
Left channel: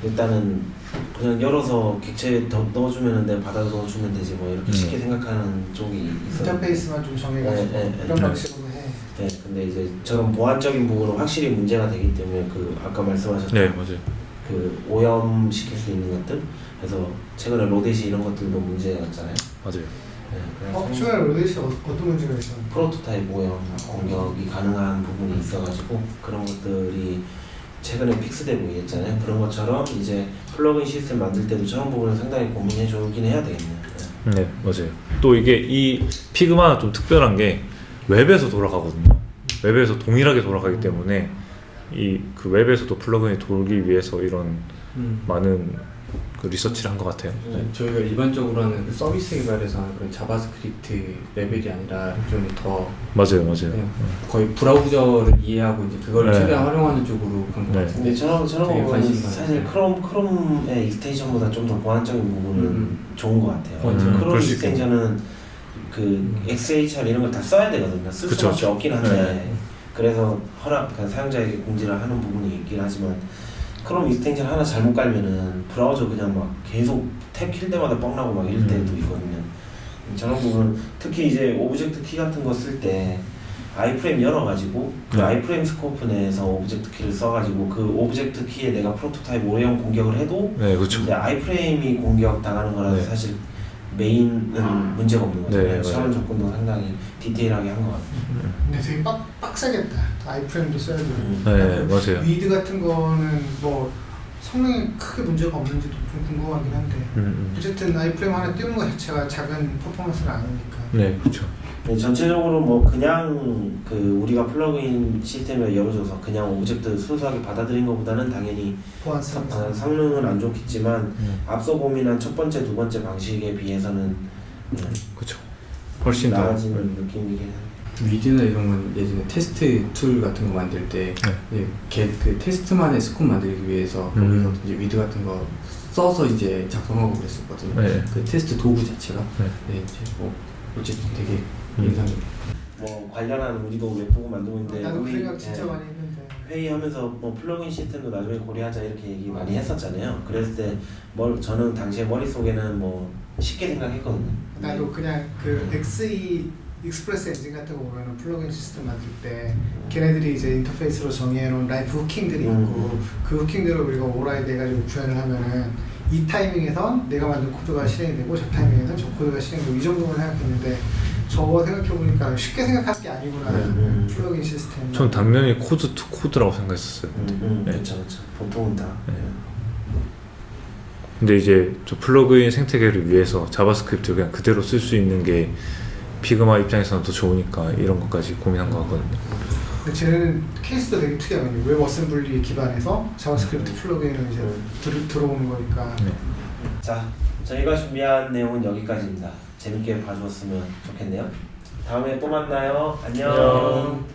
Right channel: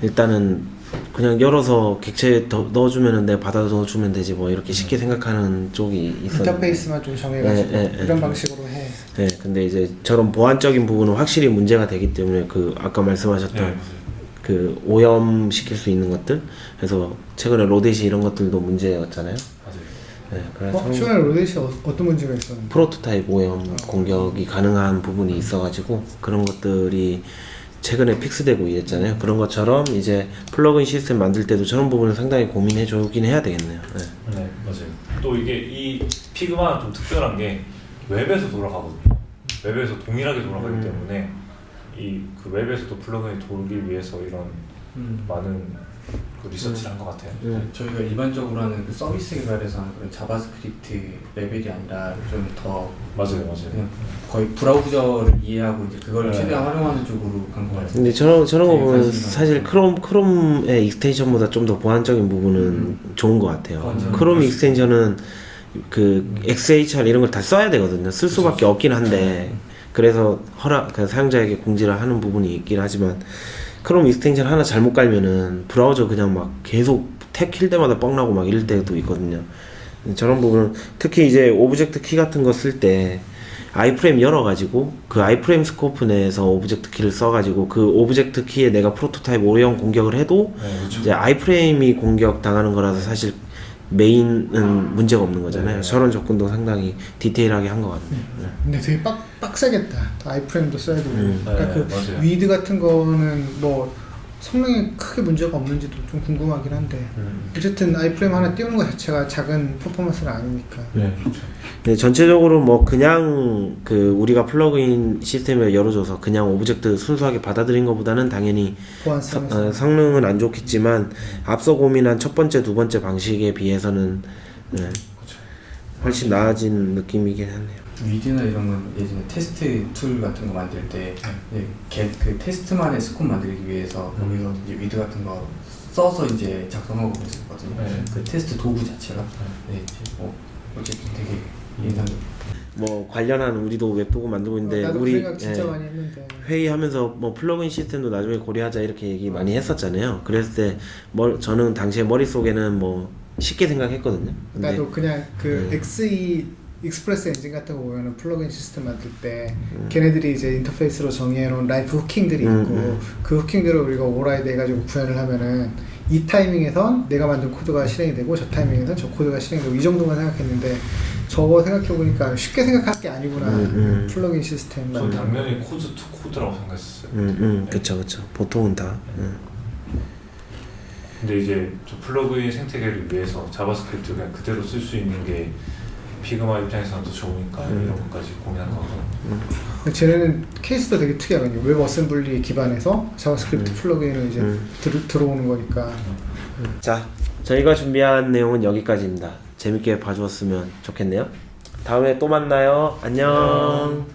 일단은 그냥 열어서 객체에 넣어주면은 내가 받아서 넣어주면 되지 뭐 이렇게 쉽게 생각하는 쪽이 있어요. 인터페이스만 좀 정해가지고 네, 이런 방식으로 해. 네, 근데 이제 저런 보안적인 부분은 확실히 문제가 되기 때문에 그 아까 말씀하셨던 네, 맞아요. 그 오염시킬 수 있는 것들, 그래서 최근에 로데시 이런 것들도 문제였잖아요. 맞아요. 네, 그래서 최근에 로데시 어떤 문제가 있었는데? 프로토타입 오염 공격이 가능한 부분이 있어가지고 그런 것들이 최근에 픽스되고 있잖아요. 그런 것처럼 이제 플러그인 시스템 만들 때도 저런 부분을 상당히 고민해주긴 해야 되겠네요. 네. 네, 맞아요. 또 이게 이 피그마는 좀 특별한 게 웹에서 돌아가거든요. 웹에서 동일하게 돌아가기 때문에 이 그 웹에서도 플러그인이 돌기 위해서 이런 많은 그 리서치를 한 것 같아요. 저희가 일반적으로 하는 그 서비스 개발에서 하는 그런 자바스크립트 레벨이 아니라 좀 더 맞아요. 그냥 거의 브라우저를 이해하고 이제 그걸 네. 최대한 활용하는 쪽으로 간 것 네. 같아요. 근데 저런 거 되게 보면 관심이 사실 많아요. 크롬의 익스텐션보다 좀 더 보안적인 부분은 좋은 것 같아요. 맞아요. 크롬 그럴 수 익스텐션은 그 XHR 이런 걸 다 써야 되거든요. 쓸 그쵸. 수밖에 없긴 한데 그래서 그 사용자에게 공지를 하는 부분이 있긴 하지만 크롬 익스텐션 하나 잘못 깔면은 브라우저 그냥 막 계속 탭 킬 때마다 뻥나고 막 이럴 때도 있거든요. 저런 부분은 특히 이제 오브젝트 키 같은 거 쓸 때 아이프레임 열어가지고 그 아이프레임 스코프 내에서 오브젝트 키를 써가지고 그 오브젝트 키에 내가 프로토타입 오래형 공격을 해도 네, 그렇죠. 이제 아이프레임이 공격 당하는 거라서 사실 메인은 문제가 없는 거잖아요. 네, 저런 접근도 상당히 디테일하게 한 것 같아요. 근데 되게 빡세겠다. 아이프레임도 써야 되고. 네, 그러니까 그 맞아요. 위드 같은 거는 뭐 성능에 크게 문제가 없는지도 좀 궁금하긴 한데 어쨌든 아이프레임 하나 띄우는 것 자체가 작은 퍼포먼스는 아니니까. 네, 그렇죠. 근데 전체적으로 뭐 그냥 그 우리가 플러그인 시스템을 열어줘서 그냥 오브젝트 순수하게 받아들인 것보다는 당연히 보안성에서. 성능은 안 좋겠지만 앞서 고민한 첫 번째, 두 번째 방식에 비해서는 그렇죠. 훨씬 나아지는 느낌이긴 하네요. 위드나 이런 건 예전에 테스트 툴 같은 거 만들 때 그 테스트만의 스콥 만들기 위해서 거기서 이제 위드 같은 거 써서 이제 작성하고 그랬었거든요. 네. 그 테스트 도구 자체가 이제 뭐 어쨌든 되게 인상적이에요. 뭐 관련한 우리도 웹보고 만들고 있는데 나도 그 우리 생각 진짜 예, 많이 했는데. 회의하면서 뭐 플러그인 시스템도 나중에 고려하자 이렇게 얘기 많이 했었잖아요. 그랬을 때 저는 당시에 머릿속에는 뭐 쉽게 생각했거든요. 근데 나도 그냥 그 XE 익스프레스 엔진 같은 거 보면은 플러그인 시스템 만들 때 걔네들이 이제 인터페이스로 정의해놓은 라이프 후킹들이 있고 그 후킹들을 우리가 오버라이드 해가지고 구현을 하면은 이 타이밍에선 내가 만든 코드가 실행이 되고 저 타이밍에선 저 코드가 실행이 되고 이 정도만 생각했는데 저거 생각해보니까 쉽게 생각할 게 아니구나. 플러그인 시스템. 전 당연히 코드 투 코드라고 생각했었어요. 그쵸. 보통은 다. 근데 이제 저 플러그인 생태계를 위해서 자바스크립트 그냥 그대로 쓸 수 있는 게 피그마 입장에서는 더 좋으니까 이런 것까지 고민한 것 같거든요. 근데 쟤네는 케이스도 되게 특이하거든요. 웹 어셈블리 기반에서 자바스크립트 플러그인을 이제 들어오는 거니까. 자, 저희가 준비한 내용은 여기까지입니다. 재밌게 봐주었으면 좋겠네요. 다음에 또 만나요. 안녕.